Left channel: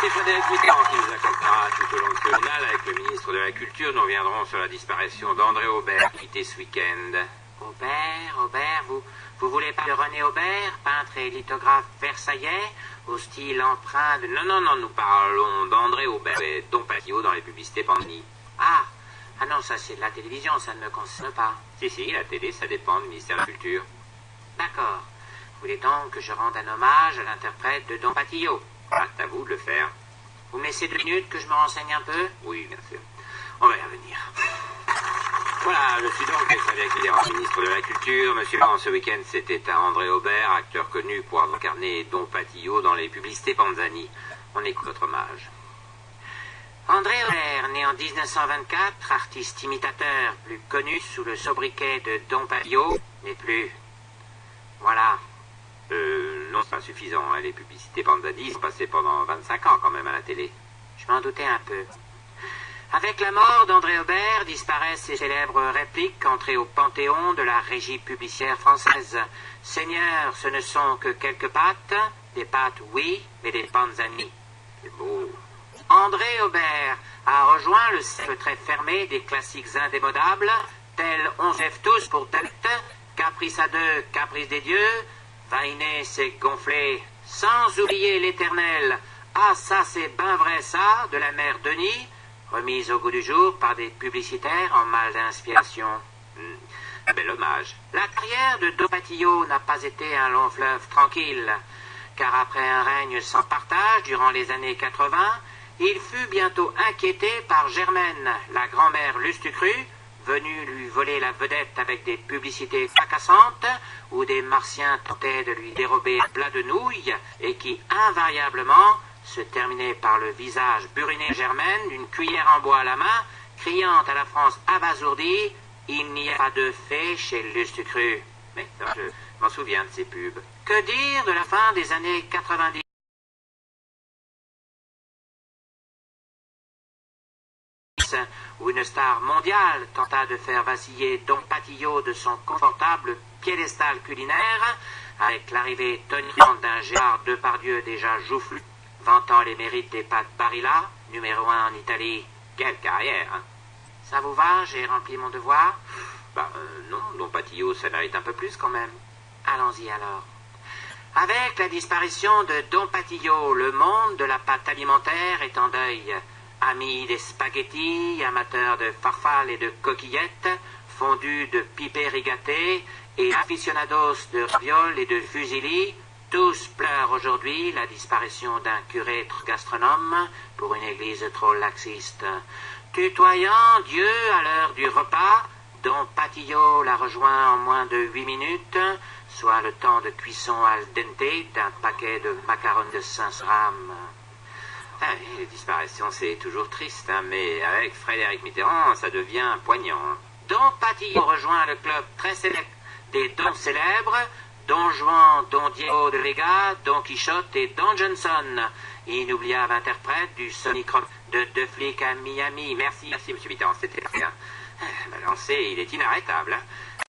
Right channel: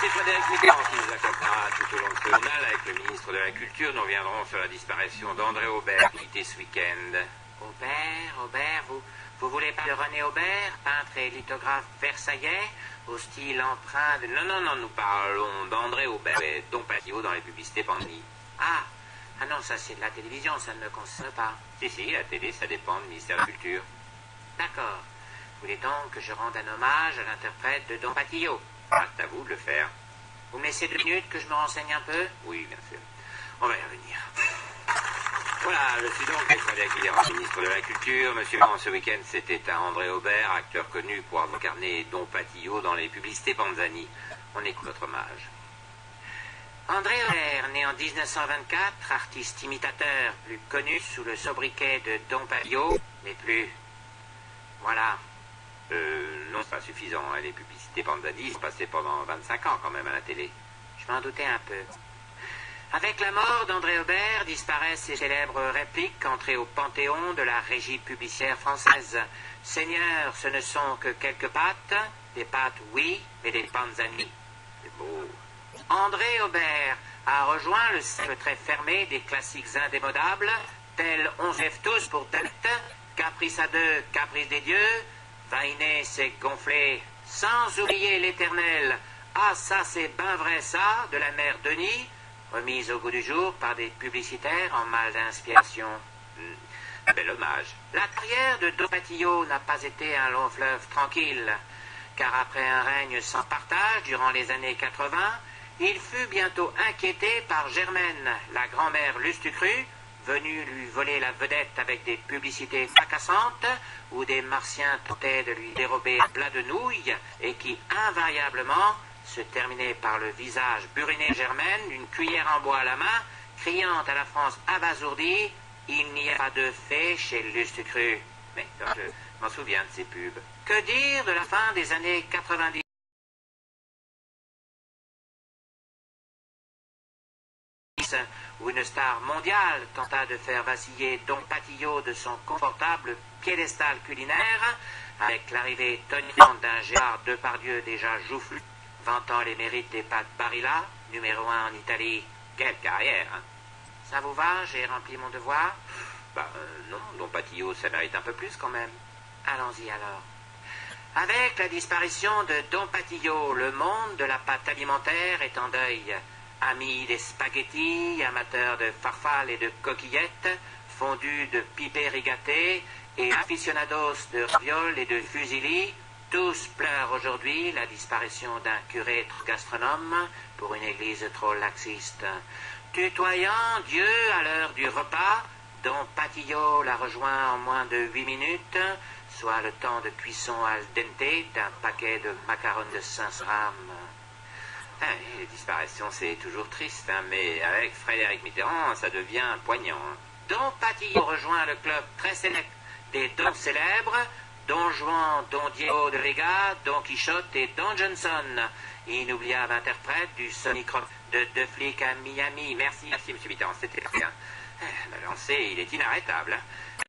c'est Frédéric Mitterrand qui nous accompagnera tout au long de ce journal. Avec le ministre de la Culture, nous reviendrons sur la disparition d'André Aubert, quitté ce week-end. Aubert, vous voulez pas de René Aubert, peintre et lithographe versaillais, au style empreint de... Non, nous parlons d'André Aubert et Dompatillot dans les publicités Panini. Ah non, ça c'est de la télévision, ça ne me concerne pas. Si, la télé, ça dépend du ministère de la Culture. D'accord. Vous voulez donc que je rende un hommage à l'interprète de Dompatillot? Ah, c'est à vous de le faire. Vous me laissez 2 minutes que je me renseigne un peu? Oui, bien sûr. On va y revenir. Voilà, je suis donc Frédéric Mitterrand, ministre de la Culture. Monsieur Mitterrand, ce week-end, c'était à André Aubert, acteur connu pour avoir incarné Dompatillot dans les publicités Panzani. On écoute notre hommage. André Aubert, né en 1924, artiste imitateur, plus connu sous le sobriquet de Dompatillot, mais plus... Voilà. Non, c'est pas suffisant. Hein. Les publicités Panzani sont passées pendant 25 ans quand même à la télé. Je m'en doutais un peu. Avec la mort d'André Aubert, disparaissent ses célèbres répliques entrées au panthéon de la régie publicitaire française. Seigneur, ce ne sont que quelques pâtes, des pâtes oui, mais des Panzani. C'est beau. André Aubert a rejoint le cercle très fermé des classiques indémodables, tels On se lève tous pour Dante, Caprice à deux, Caprice des dieux, Vainé c'est gonflé, sans oublier l'éternel. Ah ça c'est ben vrai ça, de la mère Denis, remise au goût du jour par des publicitaires en mal d'inspiration. Un bel hommage. La carrière de Dompatillot n'a pas été un long fleuve tranquille, car après un règne sans partage durant les années 80, il fut bientôt inquiété par Germaine, la grand-mère Lustucru, venue lui voler la vedette avec des publicités fracassantes, où des martiens tentaient de lui dérober un plat de nouilles, et qui invariablement se terminait par le visage buriné de Germaine, d'une cuillère en bois à la main, criant à la France abasourdie « Il n'y a pas de fée chez Lustucru ». Mais je m'en souviens de ces pubs. Que dire de la fin des années 90 où une star mondiale tenta de faire vaciller Dompatillot de son confortable piédestal culinaire, avec l'arrivée tonitruante d'un Gérard Depardieu déjà joufflu, vantant les mérites des pâtes Barilla, numéro 1 en Italie. Quelle carrière, hein. Ça vous va? J'ai rempli mon devoir? Non, Dompatillot, ça mérite un peu plus quand même. Allons-y alors. Avec la disparition de Dompatillot, le monde de la pâte alimentaire est en deuil. Amis des spaghettis, amateurs de farfales et de coquillettes, fondus de pipés rigatés et aficionados de ravioles et de fusilli, tous pleurent aujourd'hui la disparition d'un curé gastronome pour une église trop laxiste. Tutoyant Dieu à l'heure du repas, Dompatillot la rejoint en moins de 8 minutes, soit le temps de cuisson al dente d'un paquet de macarons de 500 grammes. Les disparitions, c'est toujours triste, hein, mais avec Frédéric Mitterrand, ça devient poignant. Hein. Dompatillot rejoint le club très célèbre des dons célèbres, Don Juan, Don Diego de Vega, Don Quichotte et Don Johnson. Inoubliable interprète du Sonic Rock de Deux flics à Miami. Merci, M. Mitterrand, c'était bien. Balancé, il est inarrêtable. Hein.